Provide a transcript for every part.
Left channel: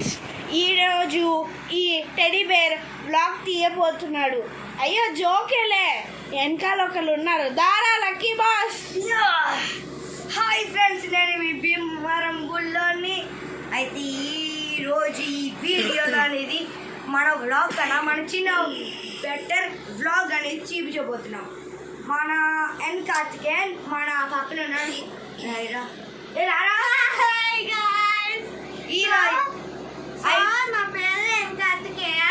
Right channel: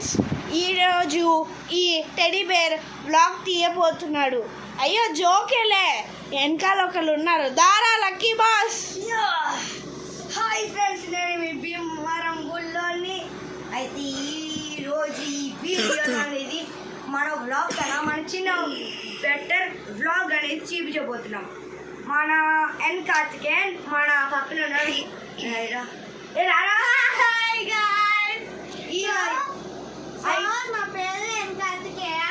Friends, ఈరోజు ఈ teddy bear blog తీయబోతున్నాడు. అయ్యో జోకేలే, వెనకాల ఒకళ్ళు ఉన్నారు. దారా లక్కీ బాస్. హాయ్ ఫ్రెండ్స్, నేను మీ భీమవరం బుల్లోని. అయితే ఈరోజు ఈ వీడియోలో అనేది మన వ్లాగ్ కన్నా మన చిన్న బెటర్ వ్లాగ్ అనేది చూపించబోతున్నాం. మన ఎన్ కార్తికేయన్ మన పక్కన ఉన్నాడు. నా పేరు ఎన్ కార్తికేయ,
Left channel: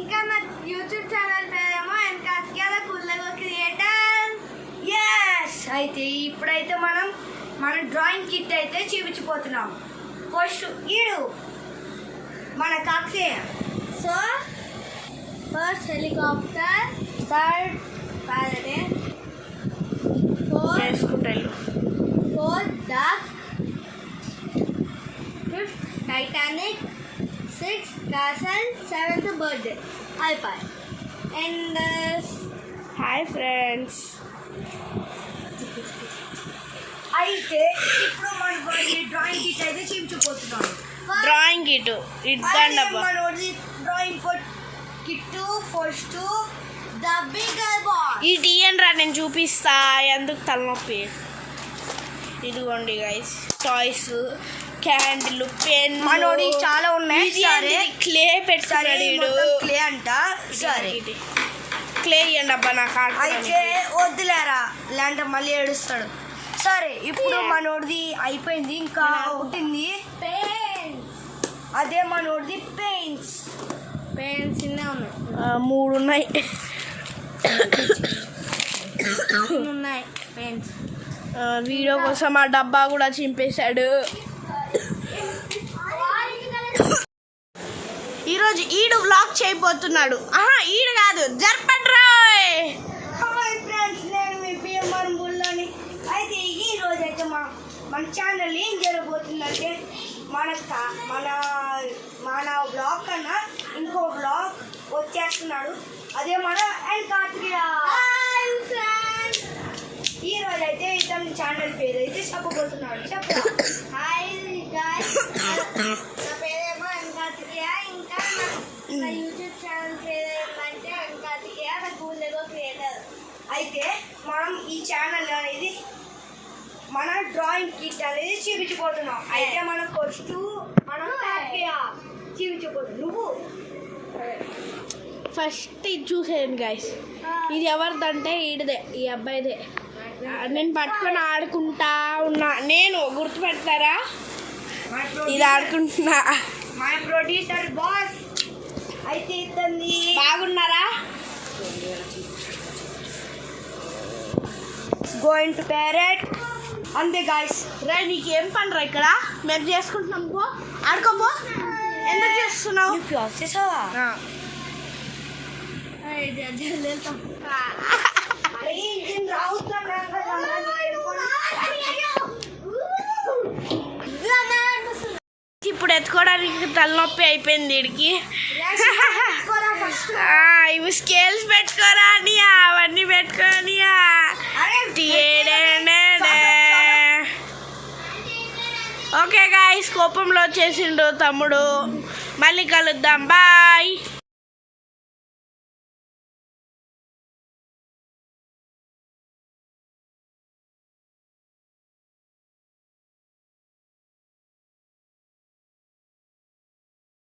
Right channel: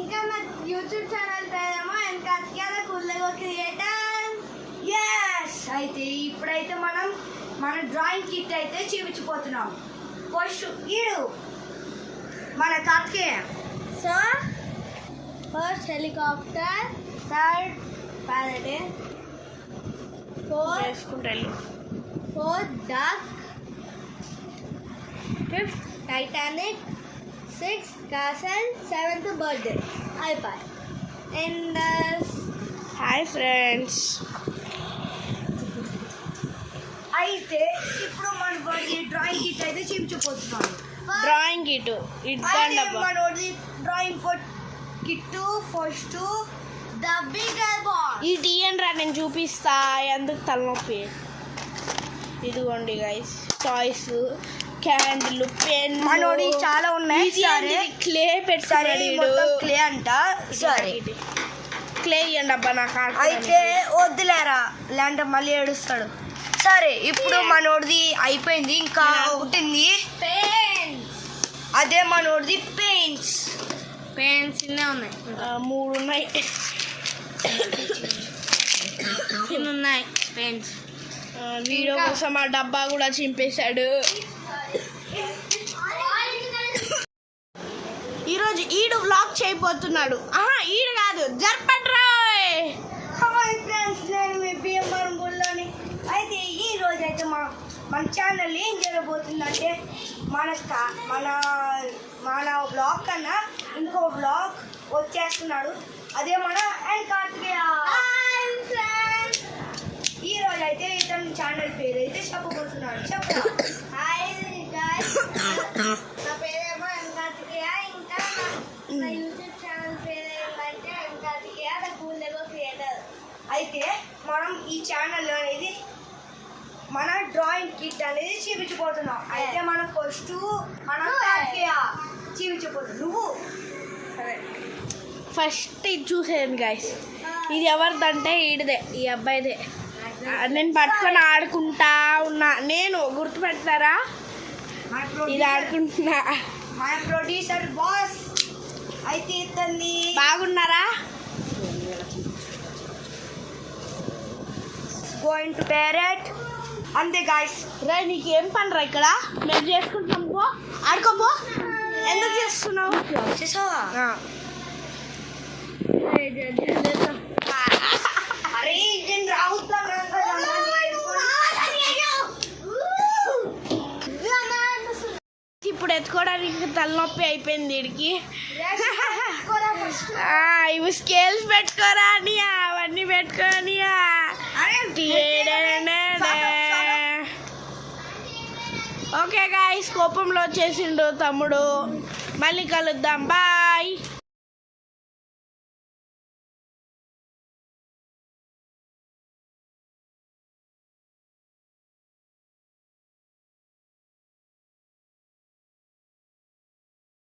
ఇంకా నా యూట్యూబ్ ఛానల్ పేరేమో ఎన్ కార్తికేయ కుల్లగో క్రియేటర్. అయితే ఇప్పుడైతే మనం మన డ్రాయింగ్ కిట్ అయితే చూపించిపోతున్నాం. ఫస్ట్ ఈడు మన Karthikeya. So first helicopter, third ప్యారడైన్, fourth duck, fifth Titanic, sixth castle, seventh birthday. అయిపోయి. And hi friends. అయితే ఇప్పుడు మన డ్రాయింగ్ కిట్ అయితే చూపించబోతున్నాం. డ్రాయింగ్ కిట్ ఇద్దండబ్బా. Drawing kit first the bigger ball. ఈ టీఎన్ రా, నేను చూపిస్తా. ఎందుకు తలనొప్పి. ఇదిగోండి గైస్, టాయ్స్, క్యాండిల్, పెన్. మనోడి చాలా ఉన్నాయి. సరే క్లే పెట్టుకున్నాడు. క్లే అంట. సరే క్లే ఇవ్వండి అబ్బా నాకు. అయితే వద్దులేరా, ఇలాంటి మళ్ళీ ఏడుస్తాడు. సరే ఇప్పుడు మనోడిది అయిపోయింది, ఇంకా ఉంటుంది అదే మనోడిది పెయింట్స్. పెన్సిల్నే ఉన్నాయి, 3 ఉన్నాయి. ఉన్నాయి పెన్స్. వీడియో కోసం ఆ డబ్బా కూడా చింపేశాడు. ఈరోజు ఈడు వ్లాగ్ చేయబోతున్నాడు. ఈడు కాదు, జర్పట్రాయ్. హాయ్ ఫ్రెండ్స్, నేను మీ భీమవరం బుల్లోని. అయితే ఈ రోజు అయితే మన ఛానల్ ఏం జరగబోతుందంటే మన బ్లాగ్ కన్నా ఇంకో బ్లాగ్ వచ్చేస్తున్నాడు. అదే మన ఎన్ కార్తికేయ. ఈ రోజు అయితే ఇతని ఛానల్ పేరు అయితే చెప్పబోతున్నాడు. హాయ్ గైస్, నా పేరేమో ఎన్ కార్తికేయ, ఇంకా నా యూట్యూబ్ ఛానల్ పేరు ఏంటంటే ఎన్ కార్తికేయ ద కుల్లగో క్రియేటర్. అయితే మనం ఈ ఛానల్ అనేది మన డ్రాయింగ్ కిట్ అనేది చూపించబోతున్నాం. అయితే మనం ఫస్ట్ మన కార్తికేయ చూపించబోతున్నాం. నువ్వు ఫస్ట్ ఇది చూసేయండి గైస్. ఇది ఎవరిదంటే ఈడిదే, ఈ అబ్బాయిదే. నేను పట్టుకొని ఆడుకుంటా ఉన్నా. నేను గుర్తుపెడతారా? ఇది ఆడుకుంటున్నా. My producer boss. అయితే ఇతన్ని బాగున్నారా? గోయింగ్ టు ప్యారెట్ అంతే గాయస్. రే, నీకేం పనిరా ఇక్కడ? మేము చేసుకుంటున్నాం. పో ఆడుకోపో. ఎందుకు చేస్తున్నావు? అరే ఇంజిన్ రావుతా. ఇప్పుడు ఎత్తుకోవడానికి తలనొప్పి అయిపోయింది వీడికి. ఇవి స్కేల్స్ పెట్టుకోరా అని, అవన్నీ పెట్టుకోని. ఓకే గాయ్స్, కోపంలో వచ్చేసిండు తమ్ముడు. మళ్ళీ కలుద్దాం. బాయ్.